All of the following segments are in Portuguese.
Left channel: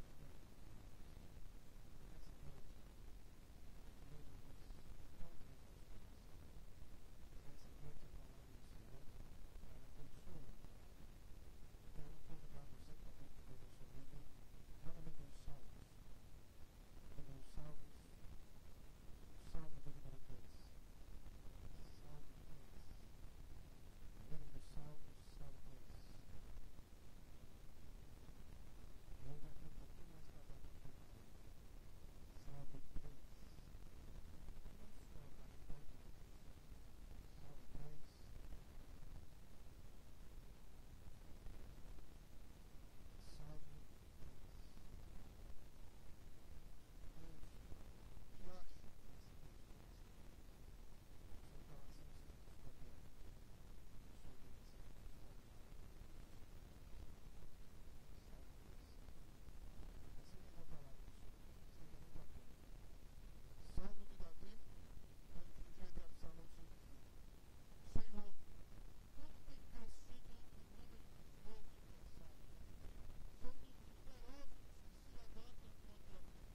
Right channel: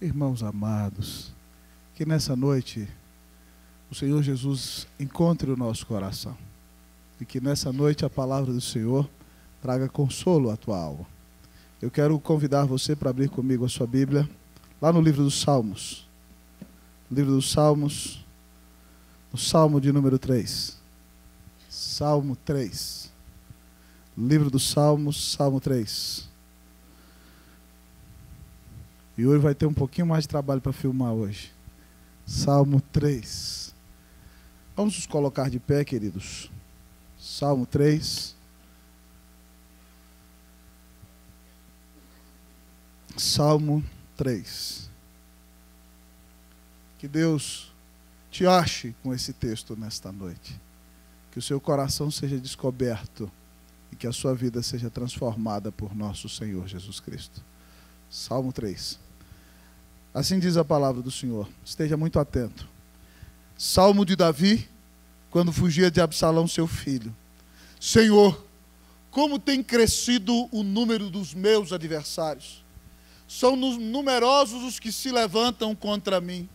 Irmãos amados, que nessa noite o Senhor Jesus encontre o nosso coração e que nessa noite a palavra do Senhor traga consolo à tua alma. Eu quero convidar você para abrir comigo a sua Bíblia lá no livro dos Salmos. Livro dos Salmos, no Salmo de número 3. Salmo 3. Livro dos Salmos, Salmo 3. E hoje vai ter um pouquinho mais de trabalho para filmar hoje. Salmo 3. Vamos nos colocar de pé, queridos. Salmo 3. Salmo 3. Que Deus te ache com esse texto nesta noite. Que o seu coração seja descoberto e que a sua vida seja transformada por nosso Senhor Jesus Cristo. Salmo 3. Assim diz a palavra do Senhor. Esteja muito atento. Salmo de Davi, quando fugia de Absalão, seu filho. Senhor, como tem crescido o número dos meus adversários. São numerosos os que se levantam contra mim.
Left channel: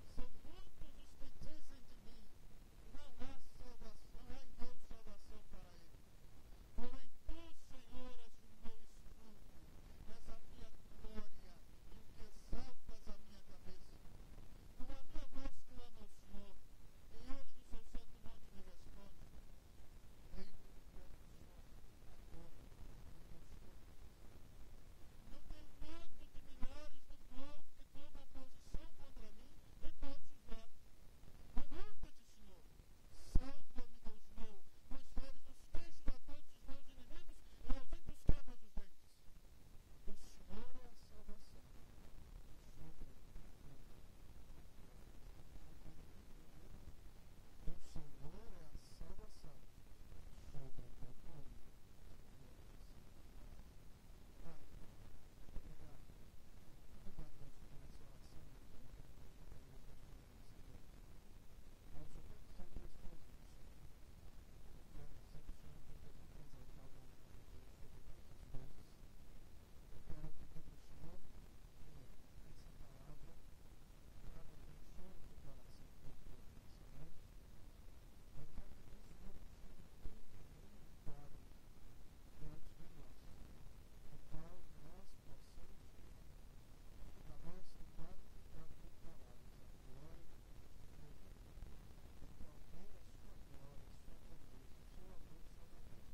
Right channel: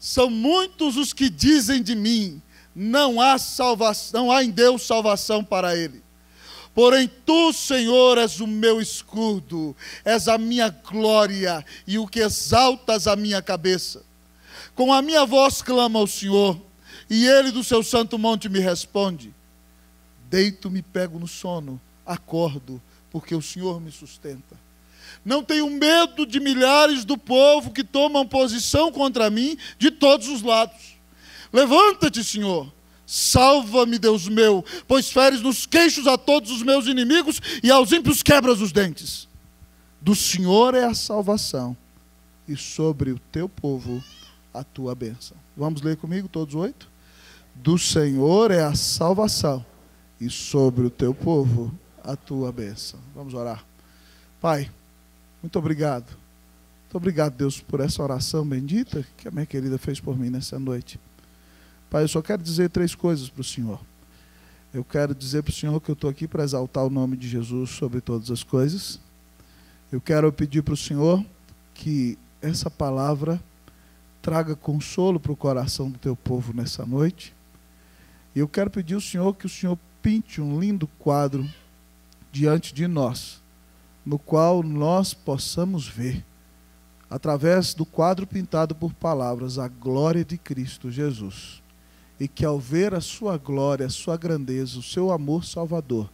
São muitos os que dizem de mim, não há salvação, não há em Deus salvação para ele. Porém, tu, Senhor, és o meu escudo, és a minha glória e o que exaltas a minha cabeça. Com a minha voz clamo ao Senhor, e ele do seu santo monte me responde. Deito-me, pego no sono, acordo, porque o Senhor me sustenta. Não tenho medo de milhares do povo que tomam posição contra mim de todos os lados. Levanta-te, Senhor. Salva-me, Deus meu, pois feres nos queixos a todos os meus inimigos e aos ímpios quebras os dentes. Do Senhor é a salvação e sobre o teu povo a tua bênção. Vamos ler comigo todos 8? Do Senhor é a salvação e sobre o teu povo a tua bênção. Vamos orar. Pai, muito obrigado. Muito obrigado, Deus, por essa oração bendita que a minha querida fez por mim nessa noite. Pai, eu só quero dizer 3 coisas para o Senhor. Eu quero dizer para o Senhor que eu estou aqui para exaltar o nome de Jesus sobre todas as coisas. Eu quero pedir para o Senhor que essa palavra traga consolo para o coração do teu povo nessa noite. E eu quero pedir ao Senhor que o Senhor pinte um lindo quadro diante de nós, no qual nós possamos ver, através do quadro pintado por palavras, a glória de Cristo Jesus. E que ao ver a sua glória, a sua grandeza, o seu amor salvador,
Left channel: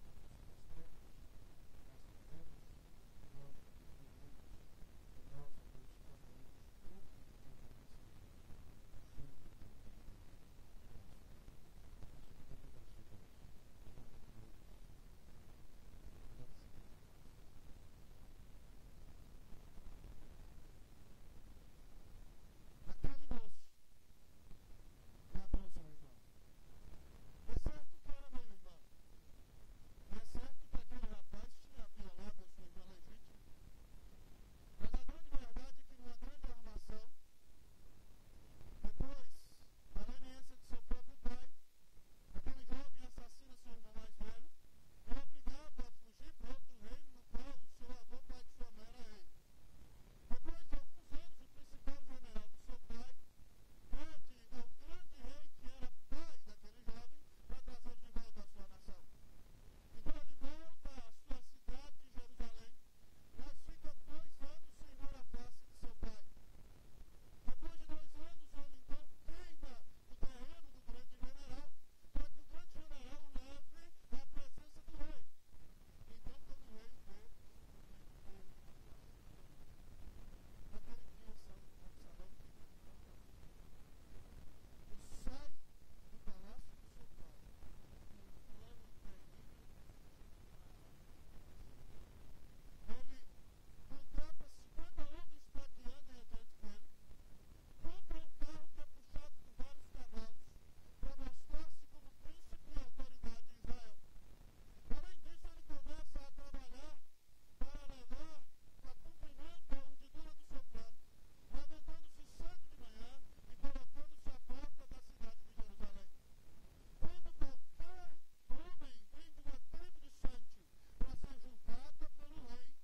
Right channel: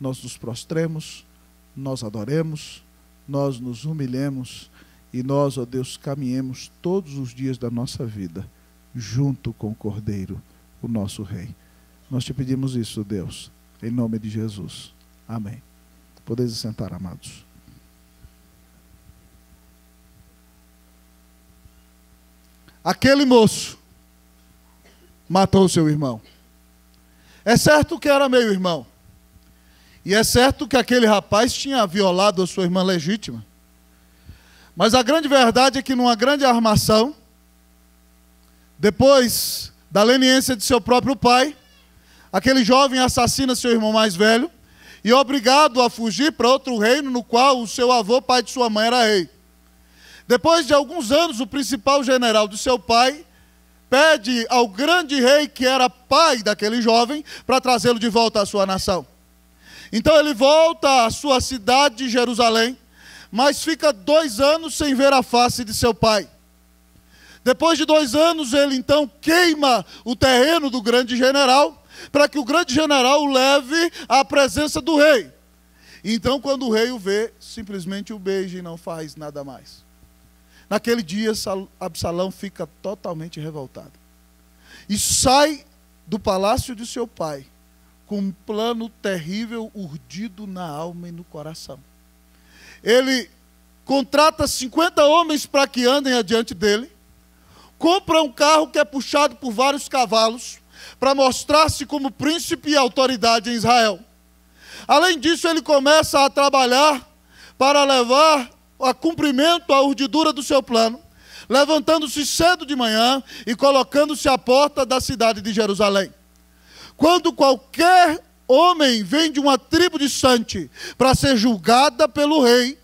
nós nos prostremos, nós adoremos, nós nos humilhemos e nós, ó Deus, caminhemos todos os dias da nossa vida, junto com o Cordeiro, o nosso Rei. Nós te pedimos isso, Deus, em nome de Jesus. Amém. Podeis sentar, amados. Aquele moço matou seu irmão. É certo que era meio irmão. E é certo que aquele rapaz tinha violado a sua irmã legítima. Mas a grande verdade é que numa grande armação, depois da leniência de seu próprio pai, aquele jovem assassina seu irmão mais velho e é obrigado a fugir para outro reino no qual o seu avô, pai de sua mãe, era rei. Depois de alguns anos, o principal general do seu pai pede ao grande rei, que era pai daquele jovem, para trazê-lo de volta à sua nação. Então ele volta à sua cidade de Jerusalém, mas fica 2 anos sem ver a face de seu pai. Depois de 2 anos, ele então queima o terreno do grande general, para que o grande general o leve à presença do rei. Então, quando o rei o vê, simplesmente o beija e não faz nada mais. Naquele dia, Absalão fica totalmente revoltado. E sai do palácio de seu pai, com um plano terrível urdido na alma e no coração. Ele contrata 50 homens para que andem adiante dele, compra um carro que é puxado por vários cavalos, para mostrar-se como príncipe e autoridade em Israel. Além disso, ele começa a trabalhar para levar a cumprimento a urdidura do seu plano, levantando-se cedo de manhã e colocando-se à porta da cidade de Jerusalém. Quando qualquer homem vem de uma tribo distante para ser julgada pelo rei,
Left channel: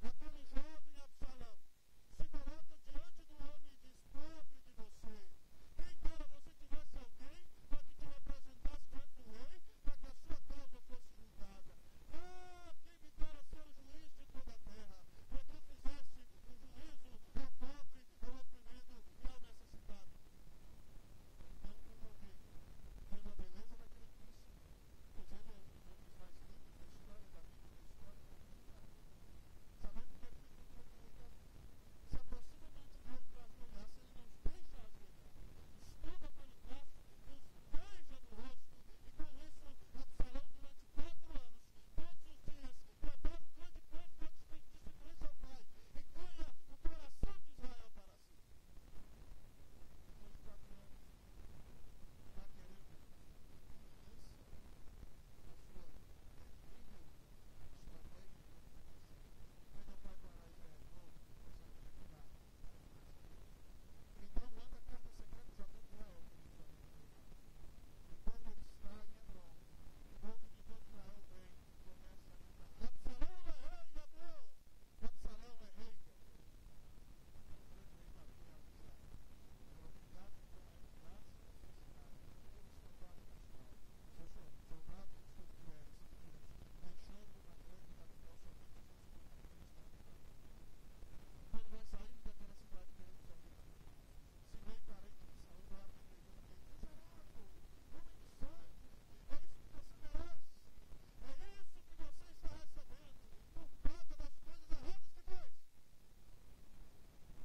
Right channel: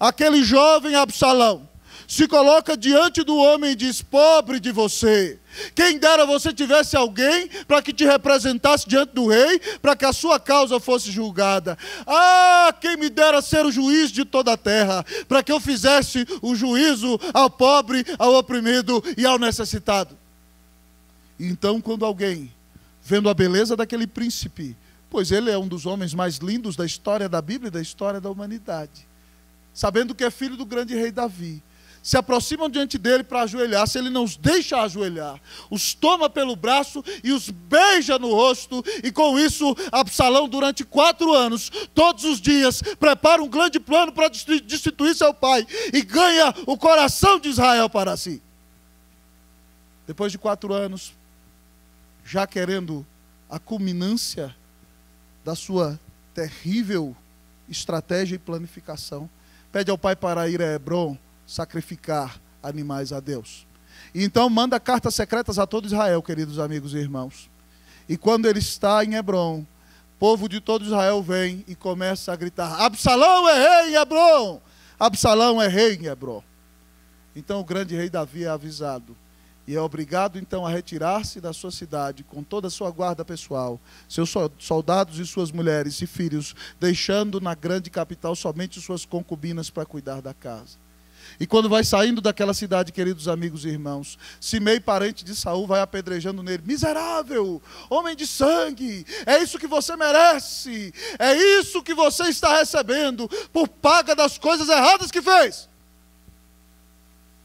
aquele jovem Absalão se coloca diante do homem e diz: pobre de você, quem dera você tivesse alguém para que te representasse diante do rei, para que a sua causa fosse julgada. Ah, quem me dera ser o juiz de toda a terra, para que eu fizesse o juízo ao pobre, ao oprimido e ao necessitado. Então, quando alguém, vendo a beleza daquele príncipe, pois ele é um dos homens mais lindos da história da Bíblia e da história da humanidade, sabendo que é filho do grande rei Davi, se aproximam diante dele para ajoelhar, se ele não os deixa ajoelhar, os toma pelo braço e os beija no rosto, e com isso Absalão durante 4 anos, todos os dias, prepara um grande plano para destituir seu pai, e ganha o coração de Israel para si. Depois de 4 anos, já querendo a culminância da sua terrível estratégia e planificação, pede ao pai para ir a Hebrom sacrificar animais a Deus. E então manda cartas secretas a todo Israel, queridos amigos e irmãos. E quando ele está em Hebrom, o povo de todo Israel vem e começa a gritar: Absalão é rei em Hebrom! Absalão é rei em Hebrom. Então o grande rei Davi é avisado e é obrigado então a retirar-se da sua cidade com toda a sua guarda pessoal, seus soldados e suas mulheres e filhos, deixando na grande capital somente suas concubinas para cuidar da casa. E quando vai saindo daquela cidade, queridos amigos e irmãos, Simei, parente de Saul, vai apedrejando nele: miserável, homem de sangue, é isso que você merece, é isso que você está recebendo por paga das coisas erradas que fez.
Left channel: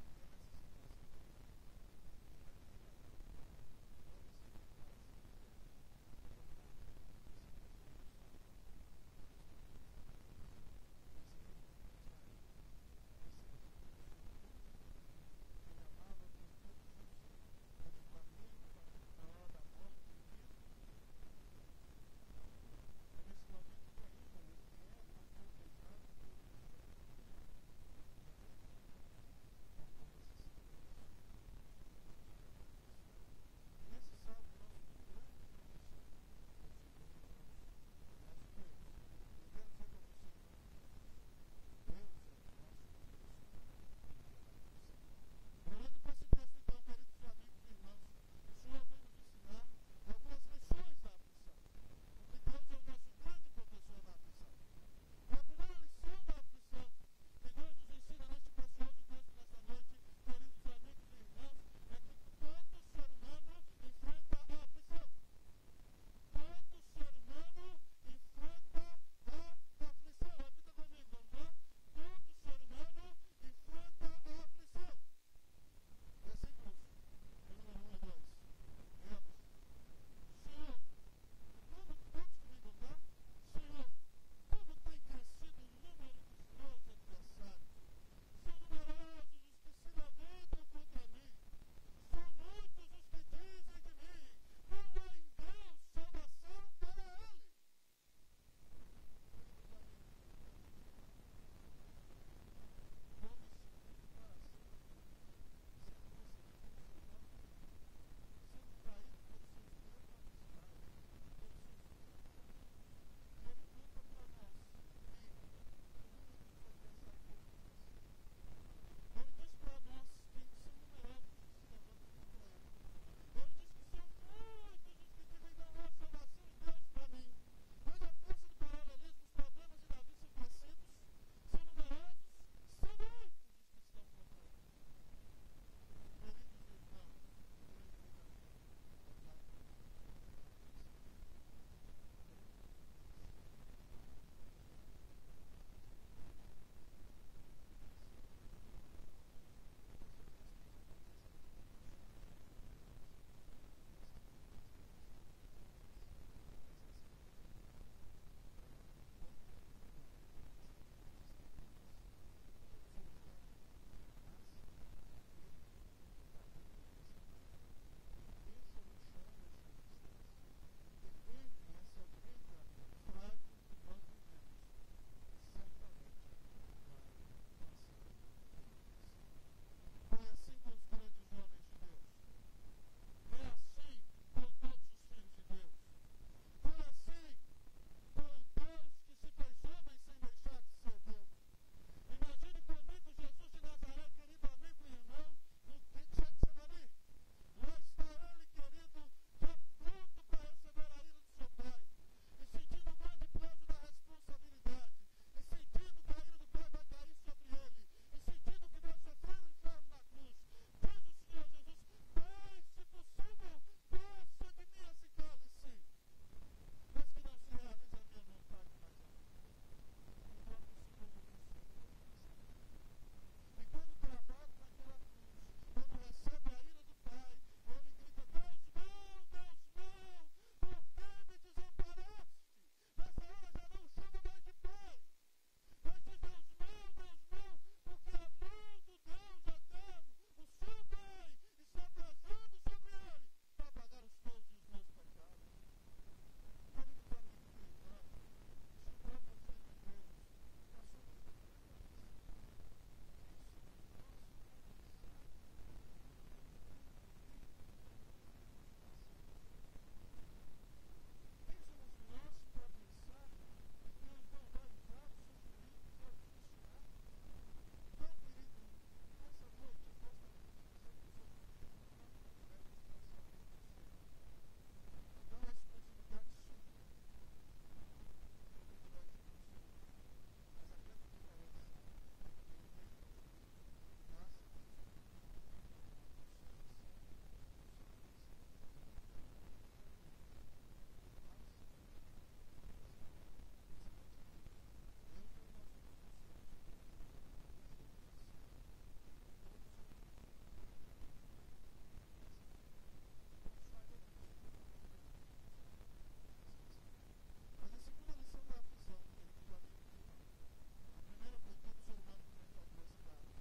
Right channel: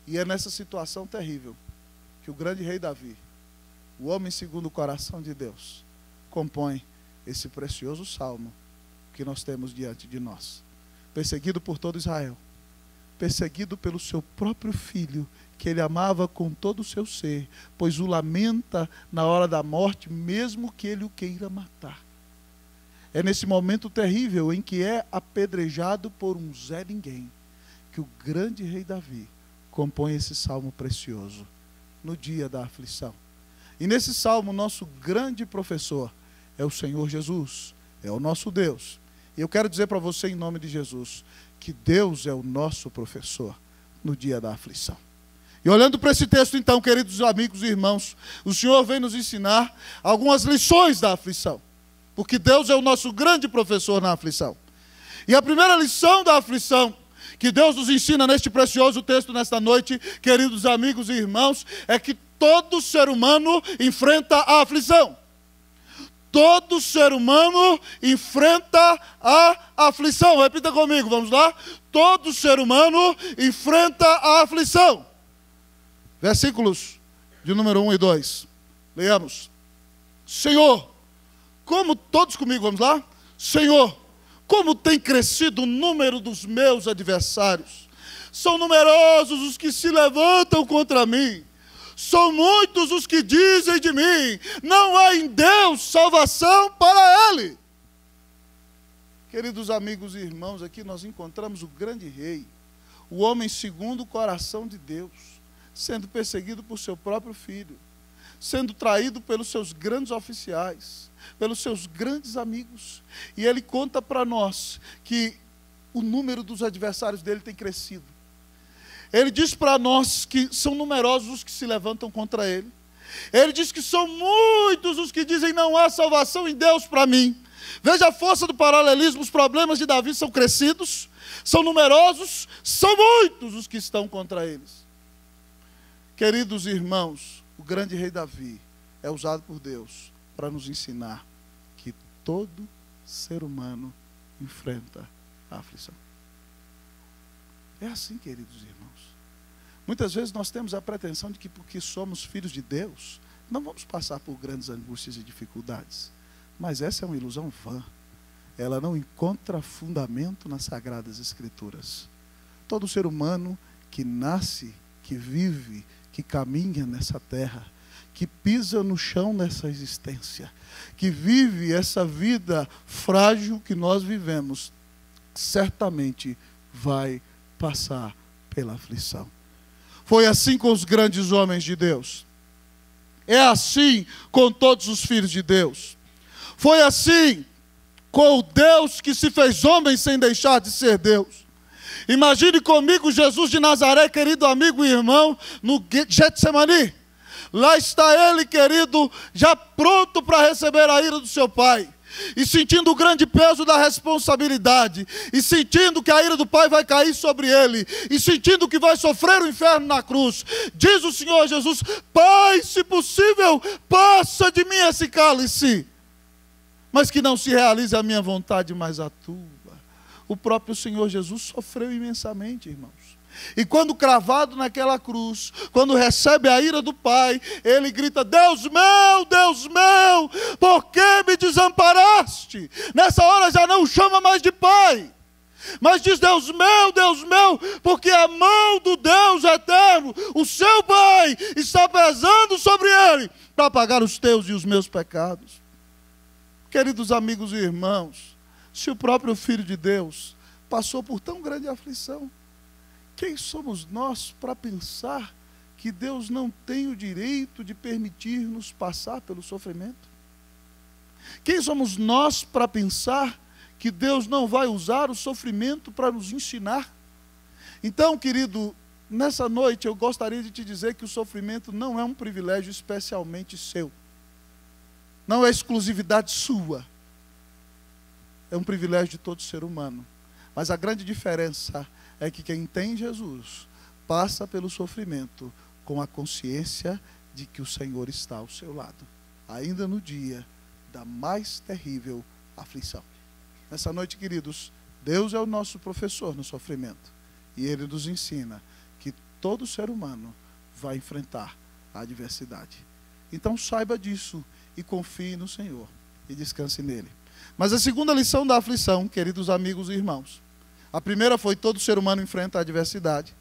E é nessa situação terrível que o grande rei Davi, o homem segundo o coração de Deus, compõe esse precioso salmo que nós temos diante de nós. Perseguido por todo Israel, perseguido pelo seu próprio filho, que ele amava com todo o seu ser, pois o lamenta na hora da morte, mesmo que ele o queira matar. É nesse momento terrível em que é apedrejado por um Zé Ninguém, que o grande rei Davi compõe esse salmo precioso, no dia da aflição. E nesse salmo, nosso grande professor é o Senhor Jesus, é o nosso Deus. E eu quero dizer para você, em nome de Jesus, que Deus é o nosso professor no dia da aflição. E olhando para esse texto então, queridos amigos e irmãos, o Senhor vem nos ensinar algumas lições da aflição, porque Deus é o nosso grande professor na aflição. E a primeira lição da aflição que Deus nos ensina neste precioso texto nesta noite, queridos amigos e irmãos, é que todo ser humano enfrenta a aflição. Todo ser humano enfrenta a aflição. Repita comigo, vamos lá? Todo ser humano enfrenta a aflição. Versículos de número 1 e 2. Leamos. Senhor, como, todos comigo, vamos lá? Senhor, como tem crescido o número dos meus adversários. São numerosos os que se levantam contra mim. São muitos os que dizem de mim: não há em Deus salvação para ele. Queridos amigos e irmãos, aqui nós encontramos o grande rei, o homem segundo o coração de Deus, sendo perseguido por seu próprio filho, sendo traído pelos seus grandes oficiais, pelos seus grandes amigos. E ele conta para nós que o número dos adversários dele tem crescido. Ele diz para nós que são numerosos os que se levantam contra ele. Ele diz que são muitos os que dizem: não há salvação em Deus para mim. Veja a força do paralelismo. Os problemas de Davi são crescidos, são numerosos, são muitos os que estão contra eles. Queridos irmãos, o grande rei Davi é usado por Deus para nos ensinar que todo ser humano enfrenta a aflição. É assim, queridos irmãos. Muitas vezes nós temos a pretensão de que porque somos filhos de Deus, não vamos passar por grandes angústias e dificuldades. Mas essa é uma ilusão vã. Ela não encontra fundamento nas Sagradas Escrituras. Todo ser humano que nasce, que vive, que caminha nessa terra, que pisa no chão nessa existência, que vive essa vida frágil que nós vivemos, certamente vai passar pela aflição. Foi assim com os grandes homens de Deus. É assim com todos os filhos de Deus. Foi assim com o Deus que se fez homem sem deixar de ser Deus. Imagine comigo Jesus de Nazaré, querido amigo e irmão, no Getsemani. Lá está ele, querido, já pronto para receber a ira do seu pai. E sentindo o grande peso da responsabilidade. E sentindo que a ira do pai vai cair sobre ele. E sentindo que vai sofrer o inferno na cruz. Diz o Senhor Jesus: Pai, se possível, passa de mim esse cálice, mas que não se realize a minha vontade, mas a tua. O próprio Senhor Jesus sofreu imensamente, irmãos. E quando cravado naquela cruz, quando recebe a ira do Pai, ele grita: Deus meu, por que me desamparaste? Nessa hora já não chama mais de Pai, mas diz: Deus meu, porque a mão do Deus eterno, o seu Pai, está pesando sobre ele, para pagar os teus e os meus pecados. Queridos amigos e irmãos, se o próprio Filho de Deus passou por tão grande aflição, quem somos nós para pensar que Deus não tem o direito de permitir-nos passar pelo sofrimento? Quem somos nós para pensar que Deus não vai usar o sofrimento para nos ensinar? Então, querido, nessa noite eu gostaria de te dizer que o sofrimento não é um privilégio especialmente seu. Não é exclusividade sua. É um privilégio de todo ser humano. Mas a grande diferença é que quem tem Jesus passa pelo sofrimento com a consciência de que o Senhor está ao seu lado, ainda no dia da mais terrível aflição. Nessa noite, queridos, Deus é o nosso professor no sofrimento, e Ele nos ensina que todo ser humano vai enfrentar a adversidade. Então saiba disso e confie no Senhor e descanse nele. Mas a segunda lição da aflição, queridos amigos e irmãos, a primeira foi: todo ser humano enfrenta a adversidade.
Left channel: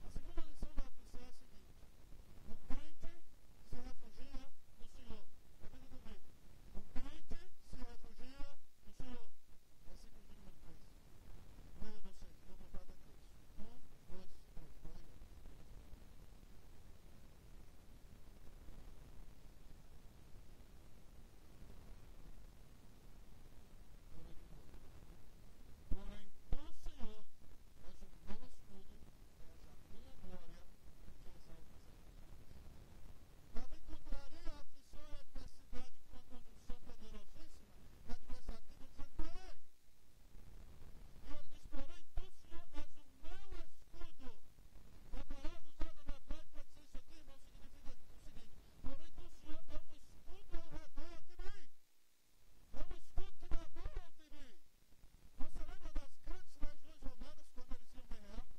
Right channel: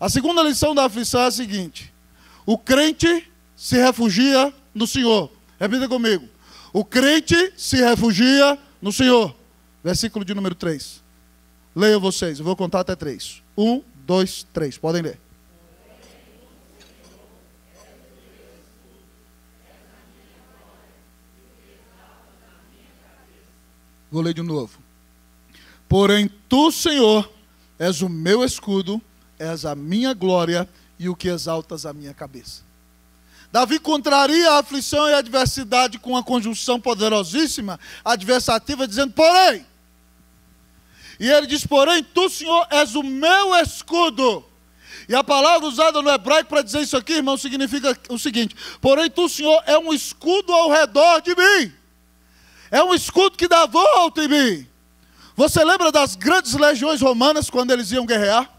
A segunda lição da aflição é a seguinte: o crente se refugia no Senhor. Repita comigo: o crente se refugia no Senhor. Versículo de número 3. Leiam vocês, eu vou contar até 3. 1, 2, 3, podem ler. Vou ler de novo. Porém, tu, Senhor, és o meu escudo, és a minha glória e o que exaltas a minha cabeça. Davi contraria a aflição e a adversidade com uma conjunção poderosíssima, adversativa, dizendo: porém. E ele diz: porém, tu, Senhor, és o meu escudo. E a palavra usada no hebraico para dizer isso aqui, irmão, significa o seguinte: porém, tu, Senhor, é um escudo ao redor de mim. É um escudo que dá volta em mim. Você lembra das grandes legiões romanas quando eles iam guerrear?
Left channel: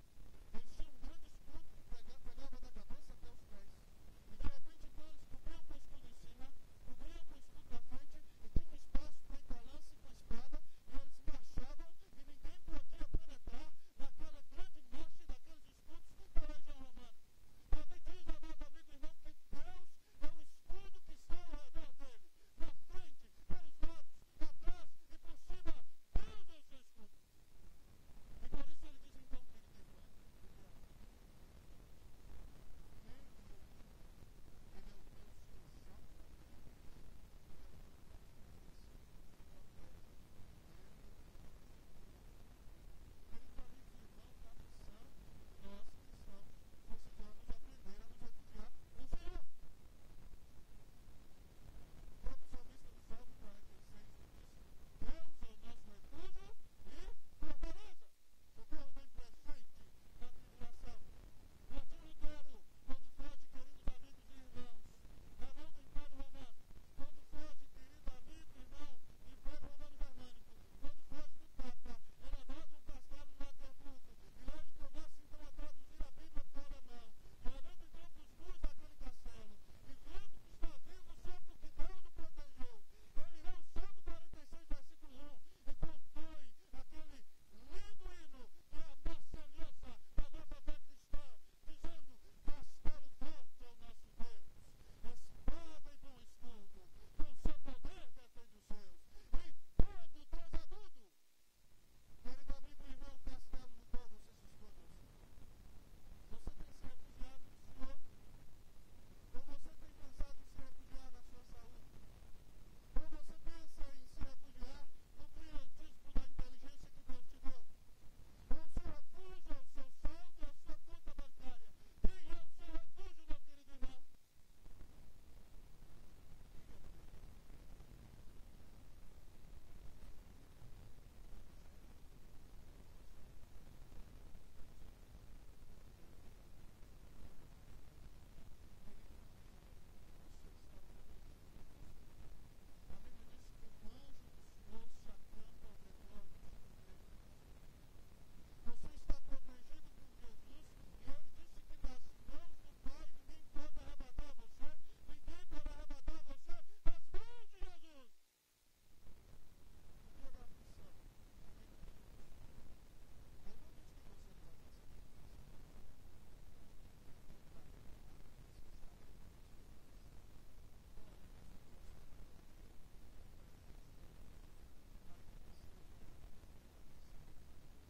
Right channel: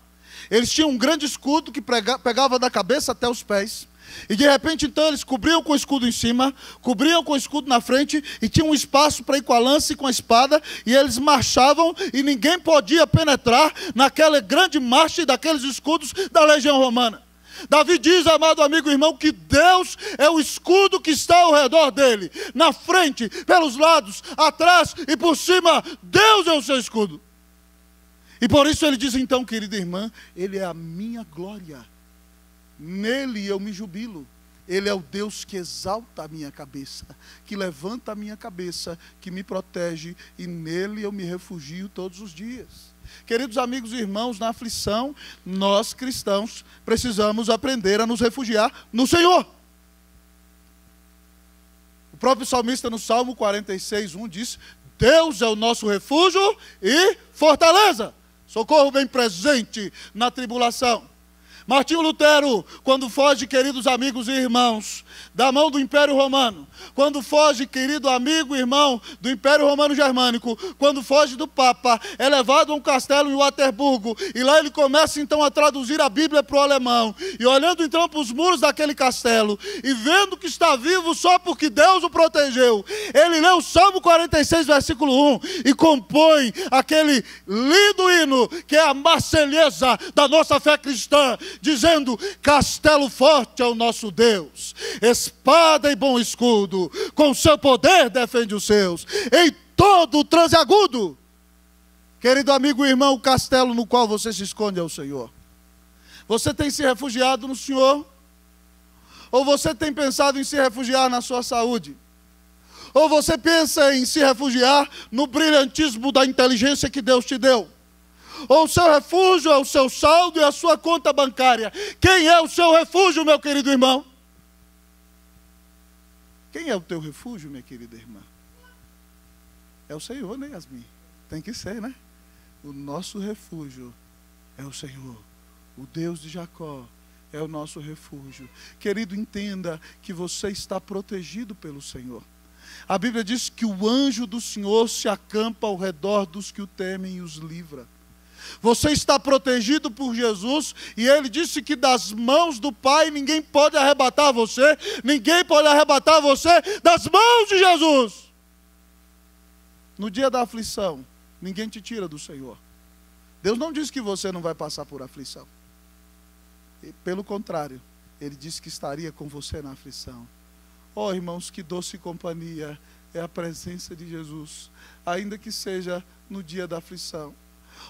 Eles tinham um grande escudo que pegava da cabeça até os pés. E de repente então eles cobriam com o escudo em cima, cobriam com o escudo na frente, e tinha um espaço para ir com a lança e com a espada, e eles marchavam e ninguém podia penetrar naquela grande marcha daqueles escudos da legião romana. Davi diz, amado amigo e irmão, que Deus é o escudo que está ao redor dele, na frente, pelos lados, atrás e por cima. Deus é o seu escudo. E por isso ele diz então, querida irmã, Ele é a minha glória, nele eu me jubilo. Ele é o Deus que exalta a minha cabeça, que levanta a minha cabeça, que me protege, e nele eu me refugio todos os dias. Queridos amigos e irmãos, na aflição, nós cristãos precisamos aprender a nos refugiar no Senhor. O próprio salmista no Salmo 46:1 diz: Deus é o nosso refúgio e fortaleza, socorro bem presente na tribulação. Martinho Lutero, quando foge, queridos amigos e irmãos, da mão do Império Romano, quando foge, querido amigo e irmão, do Império Romano Germânico, quando foge do Papa, é levado a um castelo em Waterburgo, e lá ele começa então a traduzir a Bíblia para o alemão, e olhando então para os muros daquele castelo, e vendo que está vivo só porque Deus o protegeu, ele lê o Salmo 46, versículo 1, e compõe aquele lindo hino, que é a marselhesa da nossa fé cristã, dizendo: castelo forte é o nosso Deus, espada e bom escudo, com seu poder defende os seus, em todo o transe agudo. Querido amigo e irmão, o castelo no qual você se esconde é o Senhor. Você tem se refugiado no Senhor? Ou você tem pensado em se refugiar na sua saúde? Ou você pensa em se refugiar no brilhantismo da inteligência que Deus te deu? Ou o seu refúgio é o seu saldo e a sua conta bancária? Quem é o seu refúgio, meu querido irmão? Quem é o teu refúgio, minha querida irmã? É o Senhor, né, Yasmin? Tem que ser, né? O nosso refúgio é o Senhor. O Deus de Jacó é o nosso refúgio. Querido, entenda que você está protegido pelo Senhor. A Bíblia diz que o anjo do Senhor se acampa ao redor dos que o temem e os livra. Você está protegido por Jesus, e Ele disse que das mãos do Pai ninguém pode arrebatar você, ninguém pode arrebatar você das mãos de Jesus. No dia da aflição, ninguém te tira do Senhor. Deus não disse que você não vai passar por aflição. Pelo contrário, Ele disse que estaria com você na aflição. Oh, irmãos, que doce companhia é a presença de Jesus, ainda que seja no dia da aflição.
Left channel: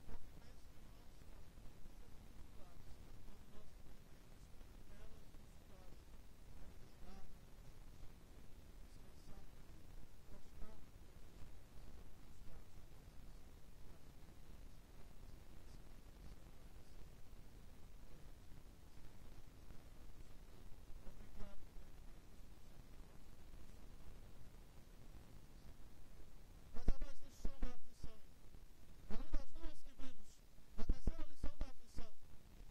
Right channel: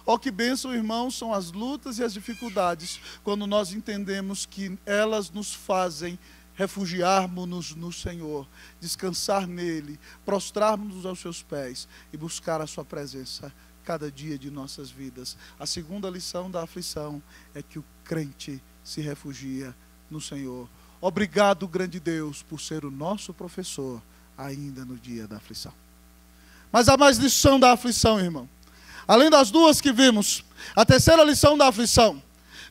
Oh, que bênção, irmãos, são as lutas e as dificuldades, quando nós entendemos que elas nos fazem refugiarmos-nos no Senhor, descansar nele, prostrarmos-nos aos seus pés e buscar a sua presença cada dia de nossas vidas. A segunda lição da aflição é que o crente se refugia no Senhor. Obrigado, grande Deus, por ser o nosso professor ainda no dia da aflição. Mas há mais lição da aflição, irmão. Além das duas que vimos, a terceira lição da aflição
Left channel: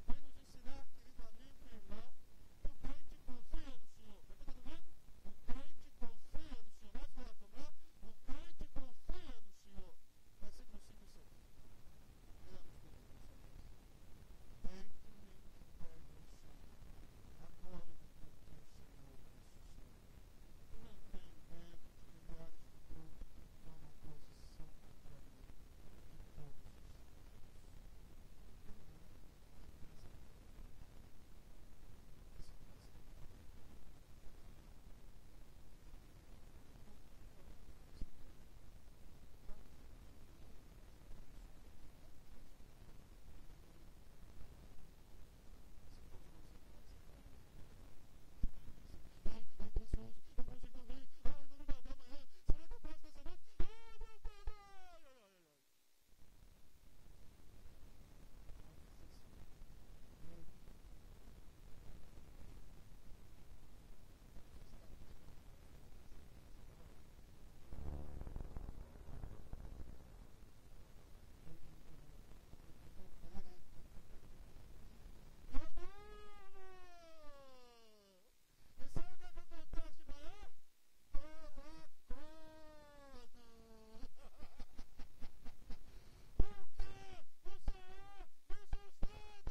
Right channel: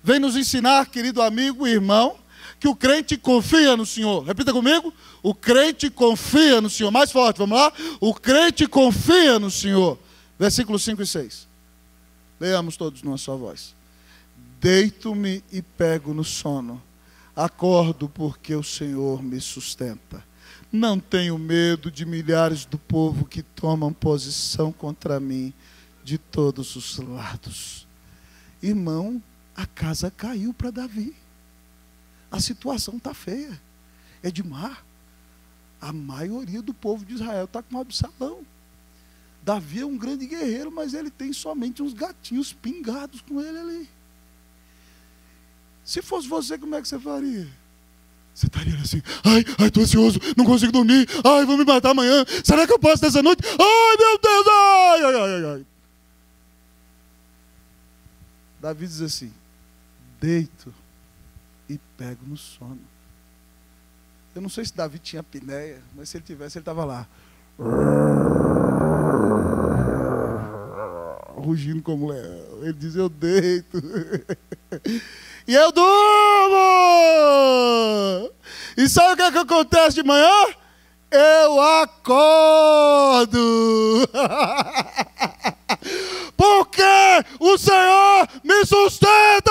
vem nos ensinar, querido amigo e irmão, que o crente confia no Senhor. Repita comigo: o crente confia no Senhor. Mais forte, vamos lá? O crente confia no Senhor. Versículos 5 e 6. Leamos todos numa só voz. Deito-me e pego no sono. Acordo porque o Senhor me sustenta. Não tenho medo de milhares do povo que tomam posição contra mim de todos os lados. Irmão, a casa caiu para Davi. A situação está feia. Edmar, a maioria do povo de Israel está com Absalão. Davi é um grande guerreiro, mas ele tem somente uns gatinhos pingados com ele ali. Se fosse você, como é que você faria? Você estaria assim: ai, estou ansioso, não consigo dormir, ai, vou me matar amanhã, será que eu posso dessa noite? Ai, meu Deus, ai. Davi diz assim: deito e pego no sono. Eu não sei se Davi tinha apneia, mas se ele tivesse, ele estava lá, rugindo como leão. Ele diz: eu deito e eu durmo. E sabe o que é que acontece de manhã? Eu acordo. Porque o Senhor me sustenta.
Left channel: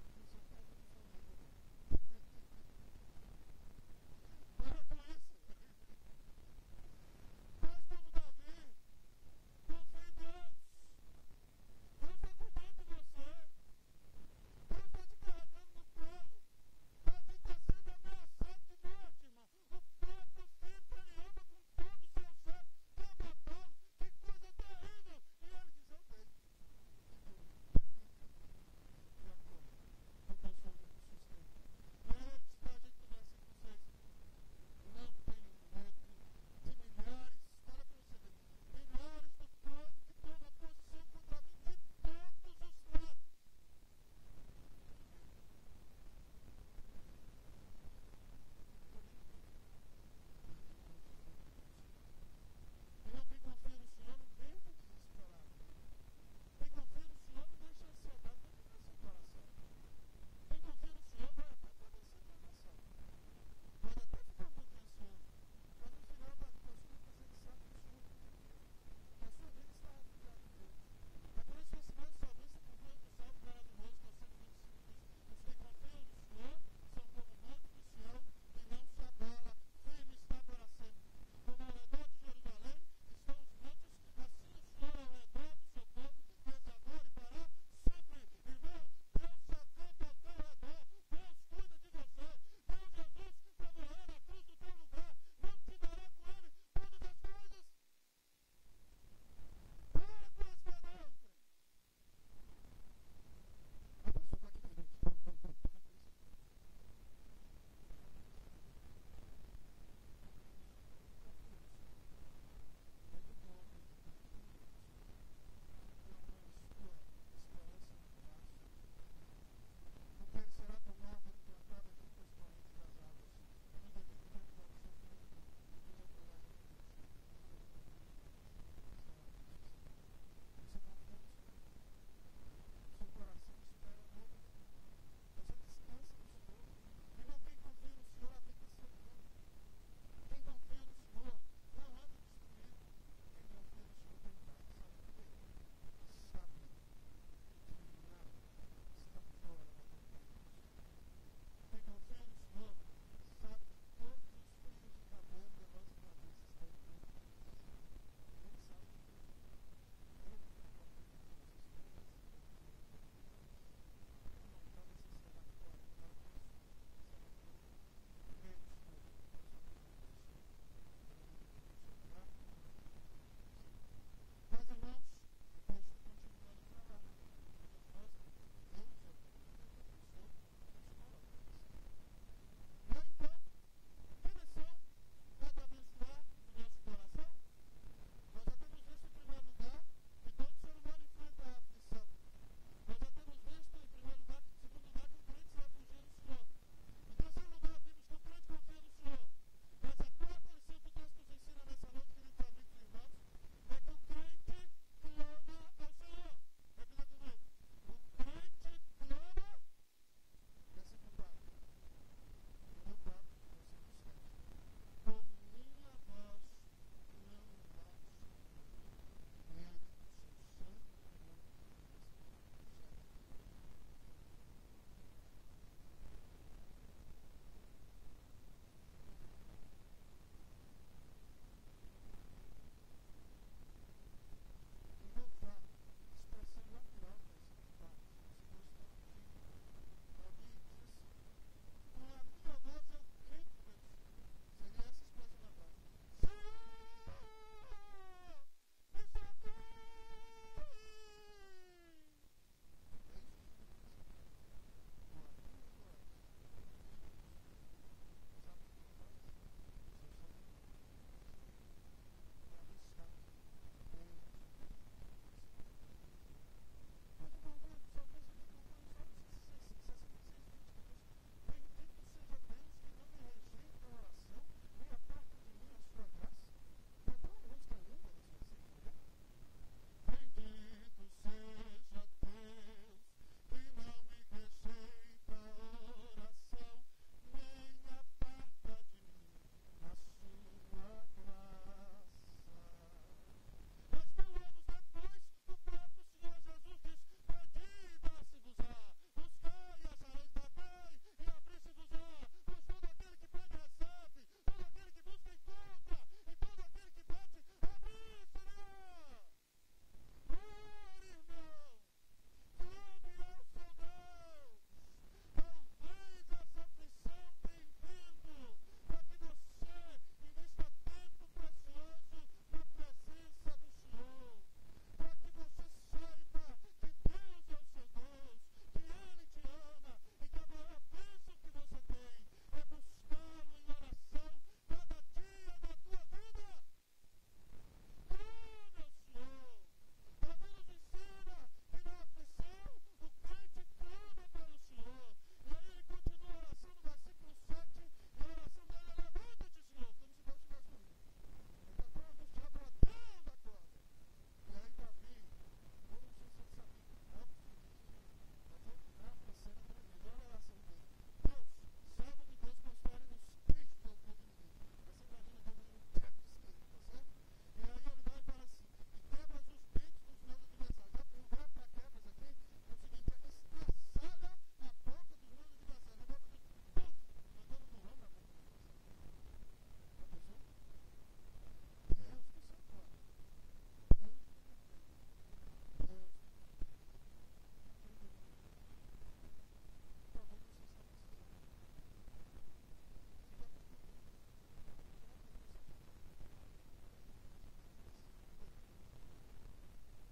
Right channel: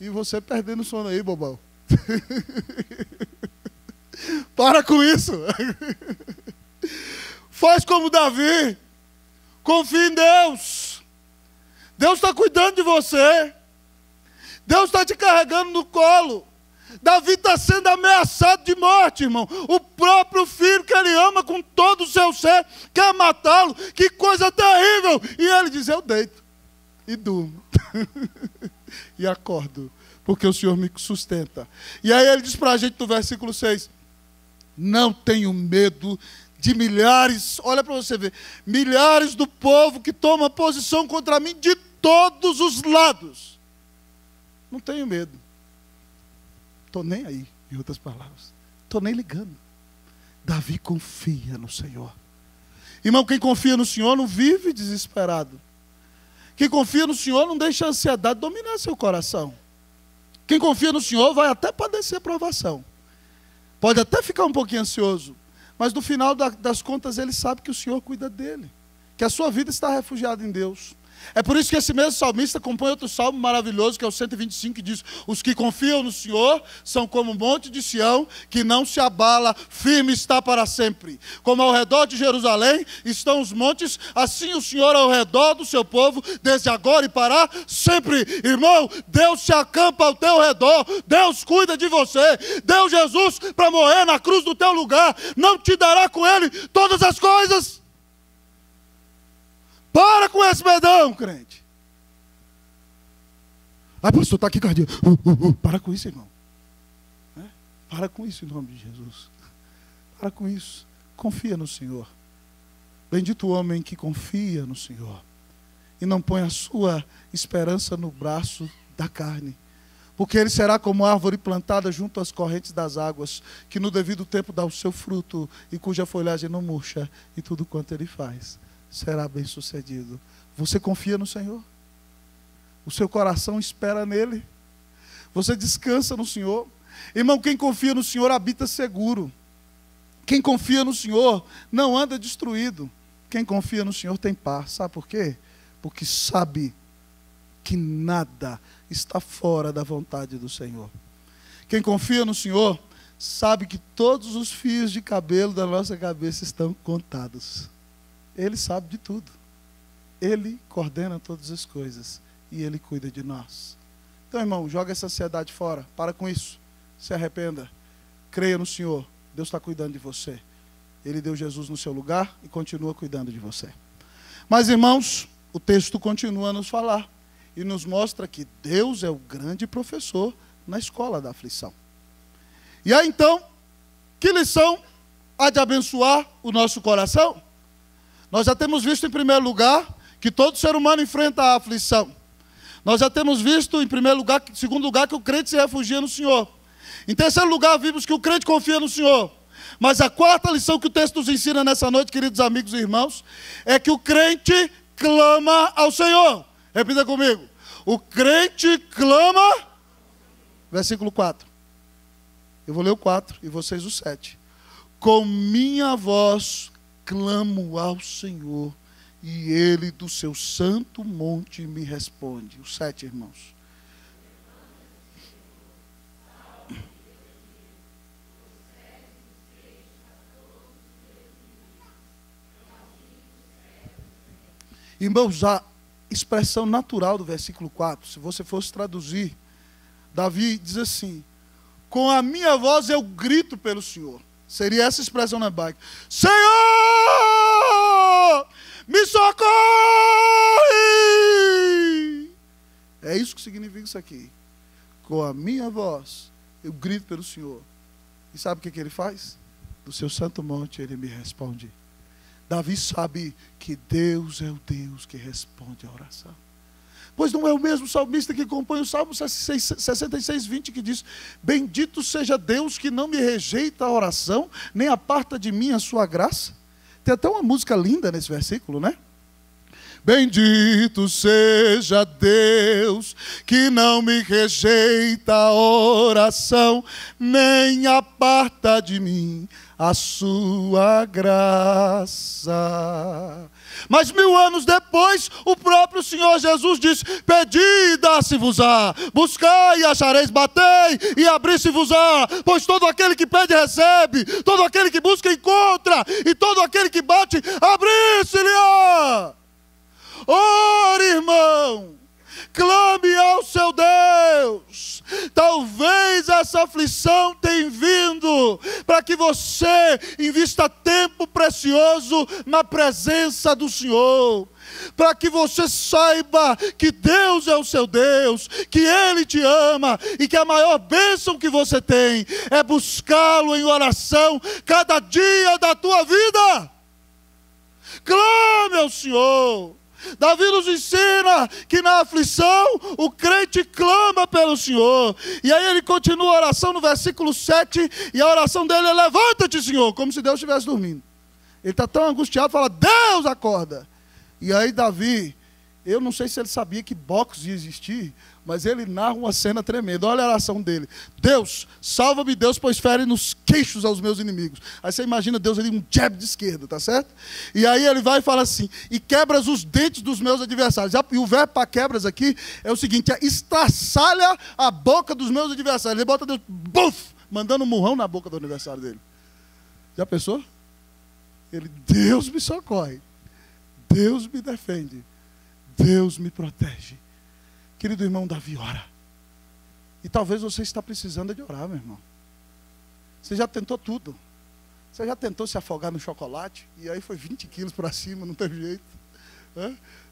E você perdendo o sono aí, bobão. Para com isso. Faz como Davi. Confia em Deus. Deus está cuidando de você. Deus está te carregando no colo. Davi está sendo ameaçado de morte, irmão. O próprio filho que ele ama com todo o seu ser quer matá-lo. Que coisa terrível. E ele diz: eu deito e durmo. E acordo, porque o Senhor me sustenta. E aí ele diz para a gente no versículo 6: não tenho medo de milhares, olha para você ver, milhares do povo que toma posição contra mim de todos os lados. Não tenho medo. Estou nem aí, em outras palavras. Estou nem ligando. Davi confia no Senhor. Irmão, quem confia no Senhor não vive desesperado. Quem confia no Senhor não deixa a ansiedade dominar seu coração. Quem confia no Senhor vai até padecer provação. Pode até ficar um pouquinho ansioso, mas no final das contas ele sabe que o Senhor cuida dele, que a sua vida está refugiada em Deus. É por isso que esse mesmo salmista compõe outro salmo maravilhoso, que é o 125, que diz: os que confiam no Senhor são como o monte de Sião, que não se abala, firme está para sempre. Como ao redor de Jerusalém estão os montes, assim o Senhor ao redor do seu povo, desde agora e para sempre. Irmão, Deus se acampa ao teu redor, Deus cuida de você, deu Jesus para morrer na cruz do teu lugar, não te dará com ele todas as coisas? Para com esse medão, crente. Ai, pastor, está aqui cardíaco. Para com isso, irmão. Para com isso em nome de Jesus. Para com isso. Confia no Senhor. Bendito o homem que confia no Senhor e não põe a sua esperança no braço da carne, porque ele será como árvore plantada junto às correntes das águas, que no devido tempo dá o seu fruto e cuja folhagem não murcha, e tudo quanto ele faz será bem sucedido. Você confia no Senhor? O seu coração espera nele? Você descansa no Senhor? Irmão, quem confia no Senhor habita seguro. Quem confia no Senhor não anda destruído. Quem confia no Senhor tem paz. Sabe por quê? Porque sabe que nada está fora da vontade do Senhor. Quem confia no Senhor sabe que todos os fios de cabelo da nossa cabeça estão contados. Ele sabe de tudo. Ele coordena todas as coisas e Ele cuida de nós. Então, irmão, joga essa ansiedade fora. Para com isso. Se arrependa. Creia no Senhor. Deus está cuidando de você. Ele deu Jesus no seu lugar e continua cuidando de você. Mas, irmãos, o texto continua a nos falar e nos mostra que Deus é o grande professor na escola da aflição. E aí, então, que lição há de abençoar o nosso coração? Nós já temos visto, em primeiro lugar, que todo ser humano enfrenta a aflição. Nós já temos visto, em primeiro lugar, em segundo lugar, que o crente se refugia no Senhor. Em terceiro lugar, vimos que o crente confia no Senhor. Mas a quarta lição que o texto nos ensina nessa noite, queridos amigos e irmãos, é que o crente clama ao Senhor. Repita comigo. O crente clama. Versículo 4. Eu vou ler o 4 e vocês o 7. Com minha voz clamo ao Senhor, e Ele do seu santo monte me responde. O 7, irmãos. Irmãos, a expressão natural do versículo 4, se você fosse traduzir, Davi diz assim: com a minha voz eu grito pelo Senhor. Seria essa expressão na Bíblia: Senhor, me socorre! É isso que significa isso aqui. Com a minha voz eu grito pelo Senhor. E sabe o que ele faz? Do seu santo monte ele me responde. Davi sabe que Deus é o Deus que responde a oração. Pois não é o mesmo salmista que compõe o Salmo 66, 20, que diz: bendito seja Deus que não me rejeita a oração, nem aparta de mim a sua graça. Tem até uma música linda nesse versículo, né? Bendito seja Deus que não me rejeita a oração, nem aparta de mim a sua graça. Mas 1000 anos depois, o próprio Senhor Jesus diz: pedi e dá-se-vos-á, buscai e achareis, batei e abri-se-vos-á, pois todo aquele que pede recebe, todo aquele que busca encontra, e todo aquele que bate, abri-se-lhe-á. Ore, irmão, clame ao seu Deus. Talvez essa aflição tenha vindo para que você invista tempo precioso na presença do Senhor, para que você saiba que Deus é o seu Deus, que Ele te ama e que a maior bênção que você tem é buscá-lo em oração cada dia da tua vida. Clame ao Senhor. Davi nos ensina que na aflição o crente clama pelo Senhor. E aí ele continua a oração no versículo 7, e a oração dele é: levanta-te, Senhor, como se Deus estivesse dormindo. Ele está tão angustiado, fala: Deus, acorda. E aí Davi, eu não sei se ele sabia que boxe ia existir, mas ele narra uma cena tremenda. Olha a oração dele: Deus, salva-me, Deus, pois fere nos queixos aos meus inimigos. Aí você imagina Deus ali, um jab de esquerda, tá certo? E aí ele vai e fala assim: e quebras os dentes dos meus adversários. E o verbo para quebras aqui é o seguinte: é estraçalha a boca dos meus adversários. Ele bota Deus, buf, mandando um murrão na boca do adversário dele. Já pensou? Ele: Deus me socorre, Deus me defende, Deus me protege. Querido irmão, Davi ora. E talvez você está precisando de orar, meu irmão. Você já tentou tudo. Você já tentou se afogar no chocolate, e aí foi 20 quilos para cima, não teve jeito.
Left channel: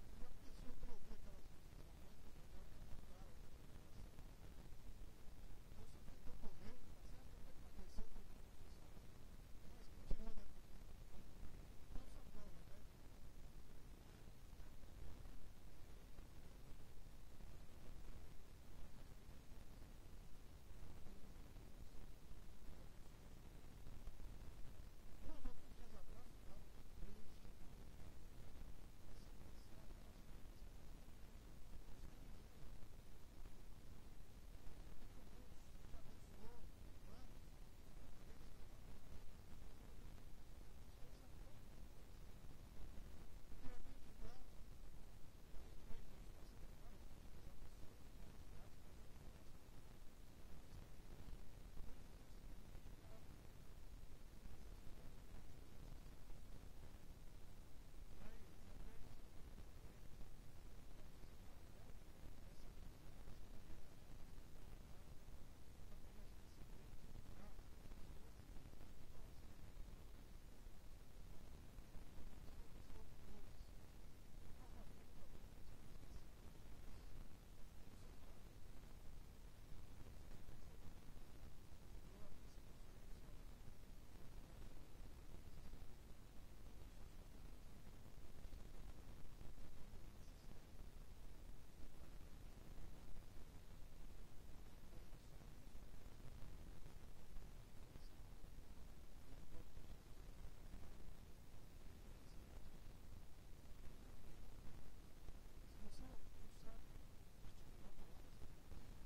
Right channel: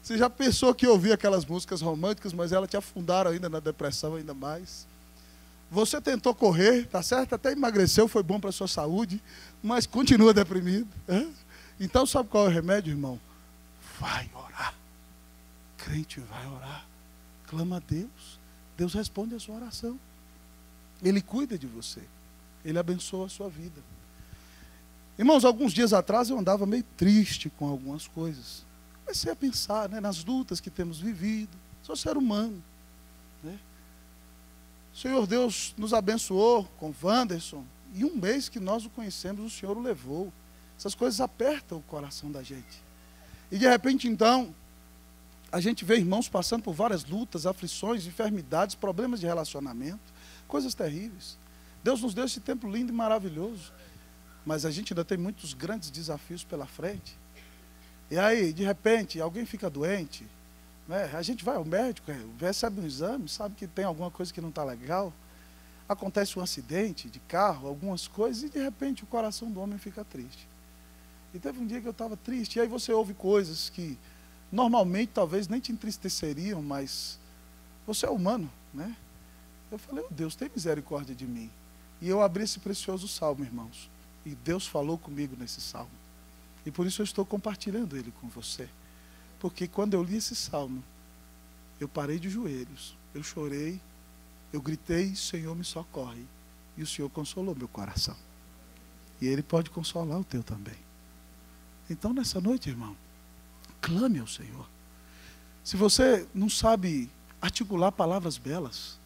Você já pensou que ouvia aquelas músicas românticas, mas elas te afundaram ainda na depressão ainda mais. Você tentou correr, tá certo? Até emagreceu, foi bom para a sua saúde, mas continua deprimido. Então sabe qual é o remédio, irmão? Vai orar. Crente vai orar. Clama a Deus. Deus responde a sua oração. Ele cuida de você. Ele abençoa a sua vida. Irmãos, alguns dias atrás eu andava meio triste com algumas coisas. Comecei a pensar, né, nas lutas que temos vivido. Sou ser humano, né? O Senhor Deus nos abençoou com Wanderson. E um mês que nós o conhecemos, o Senhor o levou. Essas coisas apertam o coração da gente. E de repente, então, a gente vê irmãos passando por várias lutas, aflições, enfermidades, problemas de relacionamento, coisas terríveis. Deus nos deu esse tempo lindo e maravilhoso. Mas a gente ainda tem muitos grandes desafios pela frente. E aí, de repente, alguém fica doente, né? A gente vai ao médico, recebe um exame, sabe que tem alguma coisa que não está legal. Acontece um acidente de carro, algumas coisas, e de repente o coração do homem fica triste. E teve um dia que eu estava triste, e aí você ouve coisas que normalmente talvez nem te entristeceriam, mas você é humano, né? Eu falei, oh, Deus, tem misericórdia de mim. E eu abri esse precioso salmo, irmãos. E Deus falou comigo nesse salmo. E por isso eu estou compartilhando ele com você. Porque quando eu li esse salmo, eu parei de joelhos, eu chorei, eu gritei, Senhor, me socorre. E o Senhor consolou meu coração. E Ele pode consolar o teu também. Então, nessa noite, irmão, clame ao Senhor. Se você não sabe articular palavras belas,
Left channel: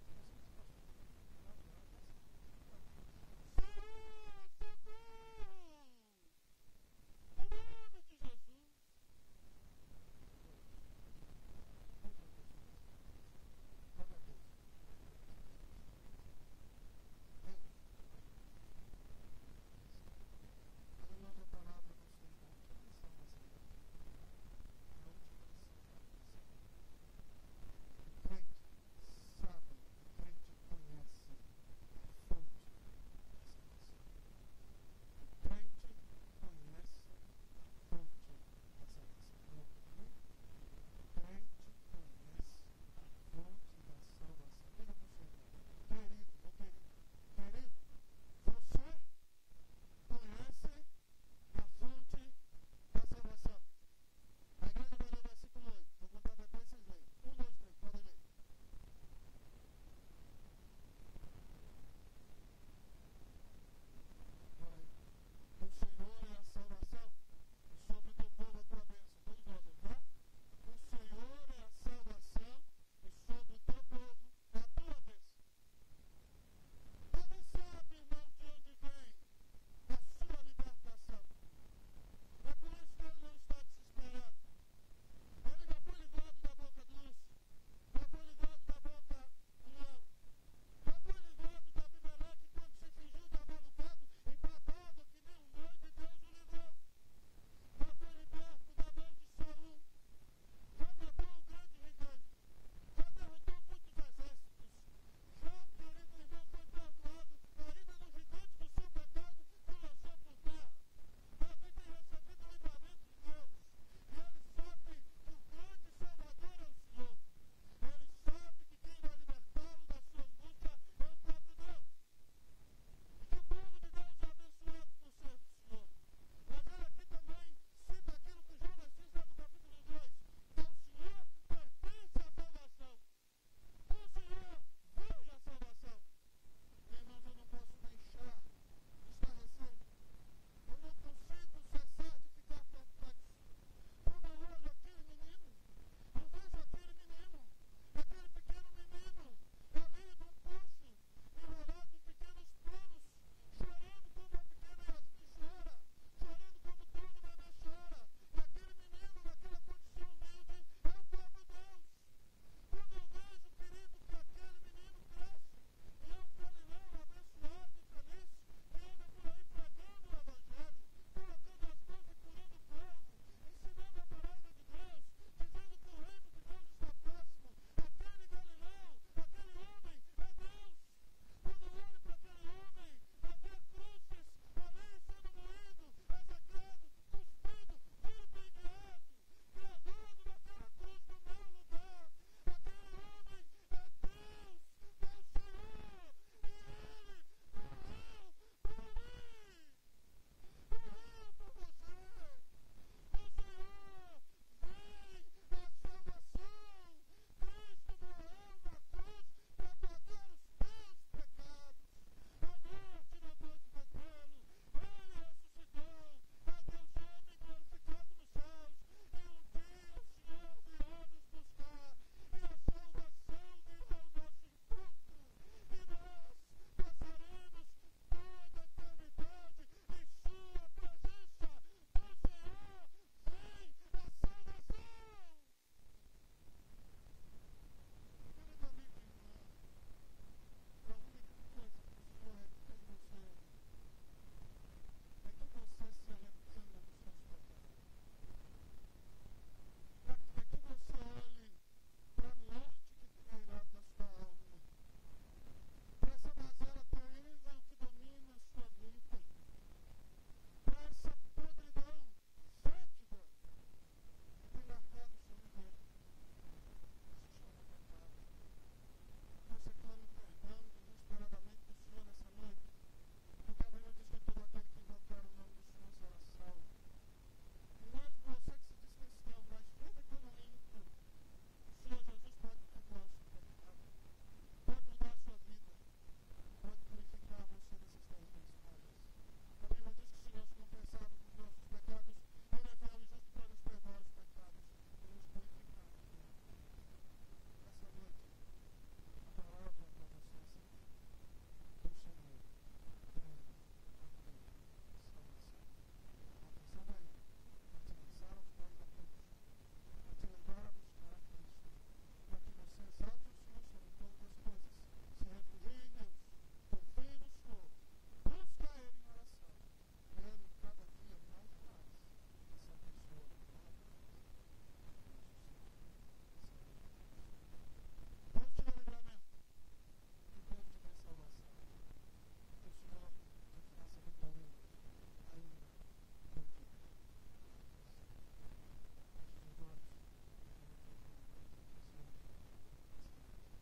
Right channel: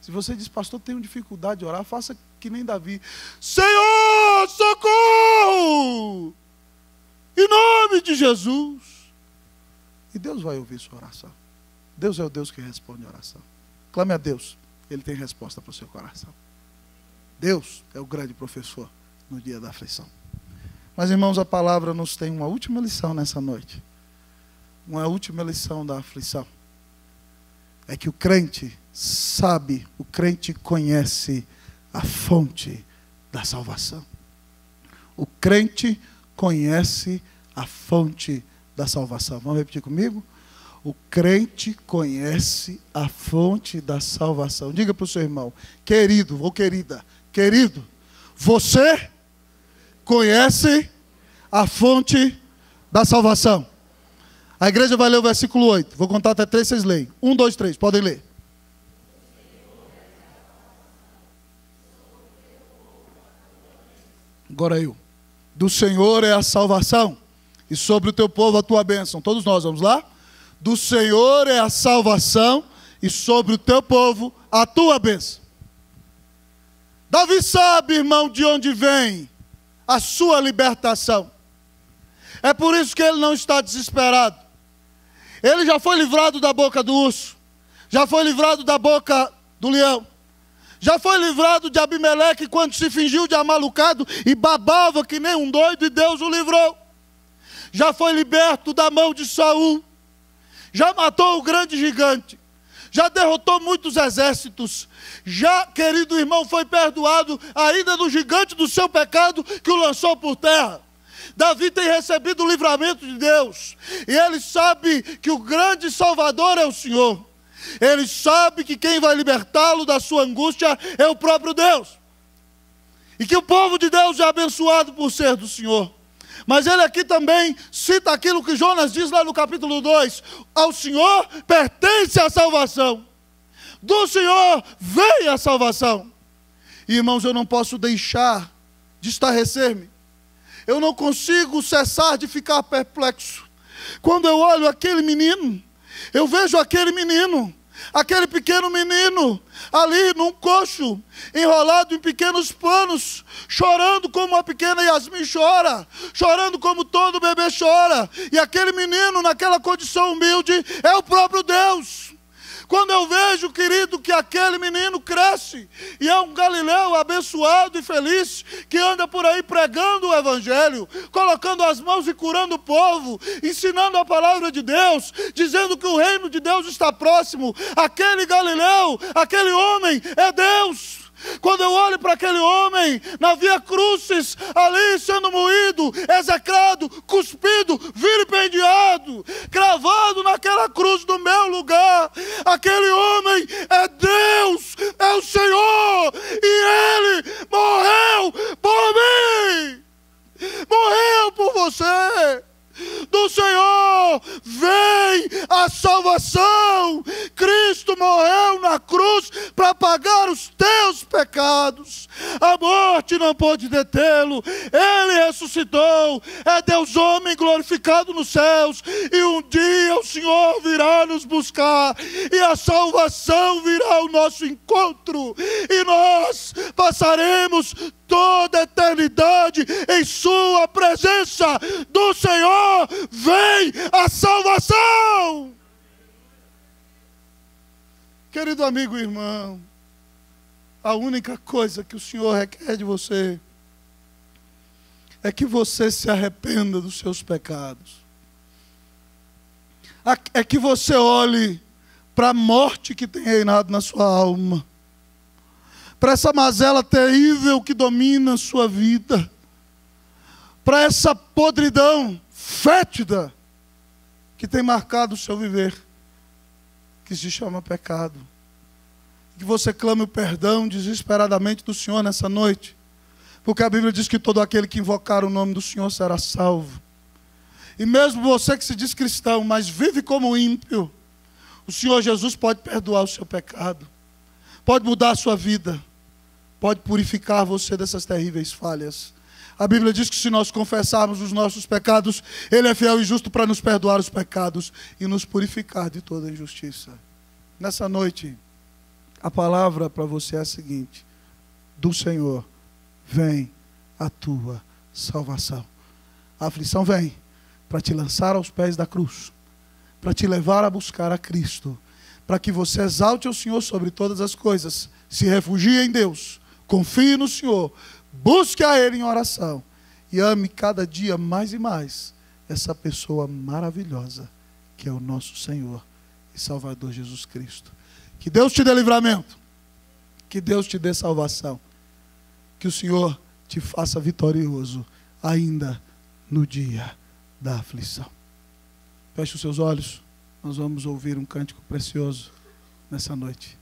se você diz, pastor, tenho dificuldade de orar, faça que nem Davi. Senhor, socorro! Em nome de Jesus. E Deus vai ouvir sua oração. Deus é o Deus que responde a oração. Clame a Deus, Ele tem resposta para o seu coração. Deus é o grande professor no dia da aflição. Mas, irmãos, a palavra nos tem uma última lição nessa noite. Uma última lição da aflição. É que o crente sabe, o crente conhece a fonte da salvação. O crente conhece a fonte da salvação. Vamos repetir comigo? O crente conhece a fonte da salvação. Diga para o seu irmão, querido ou querida, querido, você conhece a fonte da salvação. A igreja vai ler o versículo 8. Vou contar até 3, vocês leem. 1, 2, 3, podem ler. Agora eu. Do Senhor é a salvação, e sobre o teu povo a tua bênção. Todos nós, vamos lá? Do Senhor é a salvação, e sobre o teu povo a tua bênção. Davi sabe, irmão, de onde vem a sua libertação. É por isso que ele não está desesperado. Ele já foi livrado da boca do urso, já foi livrado da boca do leão, já foi livrado de Abimeleque quando se fingiu de amalucado e babava que nem um doido, e Deus o livrou. Já foi liberto da mão de Saul, já matou o grande gigante, já derrotou muitos exércitos, já, querido irmão, foi perdoado ainda do gigante do seu pecado que o lançou por terra. Davi tem recebido o livramento de Deus, e ele sabe que o grande Salvador é o Senhor. Ele sabe que quem vai libertá-lo da sua angústia é o próprio Deus, e que o povo de Deus é abençoado por ser do Senhor. Mas ele aqui também cita aquilo que Jonas diz lá no capítulo 2, ao Senhor pertence a salvação, do Senhor vem a salvação. E, irmãos, eu não posso deixar de estarrecer-me, eu não consigo cessar de ficar perplexo, quando eu olho aquele menino, eu vejo aquele menino, aquele pequeno menino, ali num coxo, enrolado em pequenos panos, chorando como a pequena Yasmin chora, chorando como todo bebê chora, e aquele menino naquela condição humilde é o próprio Deus. Quando eu vejo, querido, que aquele menino cresce e é um galileu abençoado e feliz, que anda por aí pregando o evangelho, colocando as mãos e curando o povo, ensinando a palavra de Deus, dizendo que o reino de Deus está próximo, aquele galileu, aquele homem é Deus. Quando eu olho para aquele homem na via crucis, ali sendo moído, execrado, cuspido, vilipendiado, cravado naquela cruz no meu lugar, aquele homem é Deus, é o Senhor, e Ele morreu por mim, morreu por você. Do Senhor vem a salvação. Cristo morreu na cruz para pagar os teus pecados. A morte não pode detê-lo. Ele ressuscitou. É Deus homem glorificado nos céus. E um dia o Senhor virá nos buscar. E a salvação virá ao nosso encontro. E nós passaremos toda a eternidade em sua presença. Do Senhor vem a salvação. Querido amigo e irmão, a única coisa que o Senhor requer de você é que você se arrependa dos seus pecados. É que você olhe para a morte que tem reinado na sua alma, para essa mazela terrível que domina a sua vida, para essa podridão fétida que tem marcado o seu viver, que se chama pecado. Que você clame o perdão desesperadamente do Senhor nessa noite, porque a Bíblia diz que todo aquele que invocar o nome do Senhor será salvo. E mesmo você que se diz cristão, mas vive como ímpio, o Senhor Jesus pode perdoar o seu pecado, pode mudar a sua vida, pode purificar você dessas terríveis falhas. A Bíblia diz que se nós confessarmos os nossos pecados, Ele é fiel e justo para nos perdoar os pecados e nos purificar de toda injustiça. Nessa noite, a palavra para você é a seguinte: do Senhor vem a tua salvação. A aflição vem para te lançar aos pés da cruz, para te levar a buscar a Cristo, para que você exalte o Senhor sobre todas as coisas, se refugie em Deus, confie no Senhor, busque a Ele em oração e ame cada dia mais e mais essa pessoa maravilhosa que é o nosso Senhor e Salvador Jesus Cristo. Que Deus te dê livramento, que Deus te dê salvação, que o Senhor te faça vitorioso ainda no dia da aflição. Feche os seus olhos, nós vamos ouvir um cântico precioso nessa noite.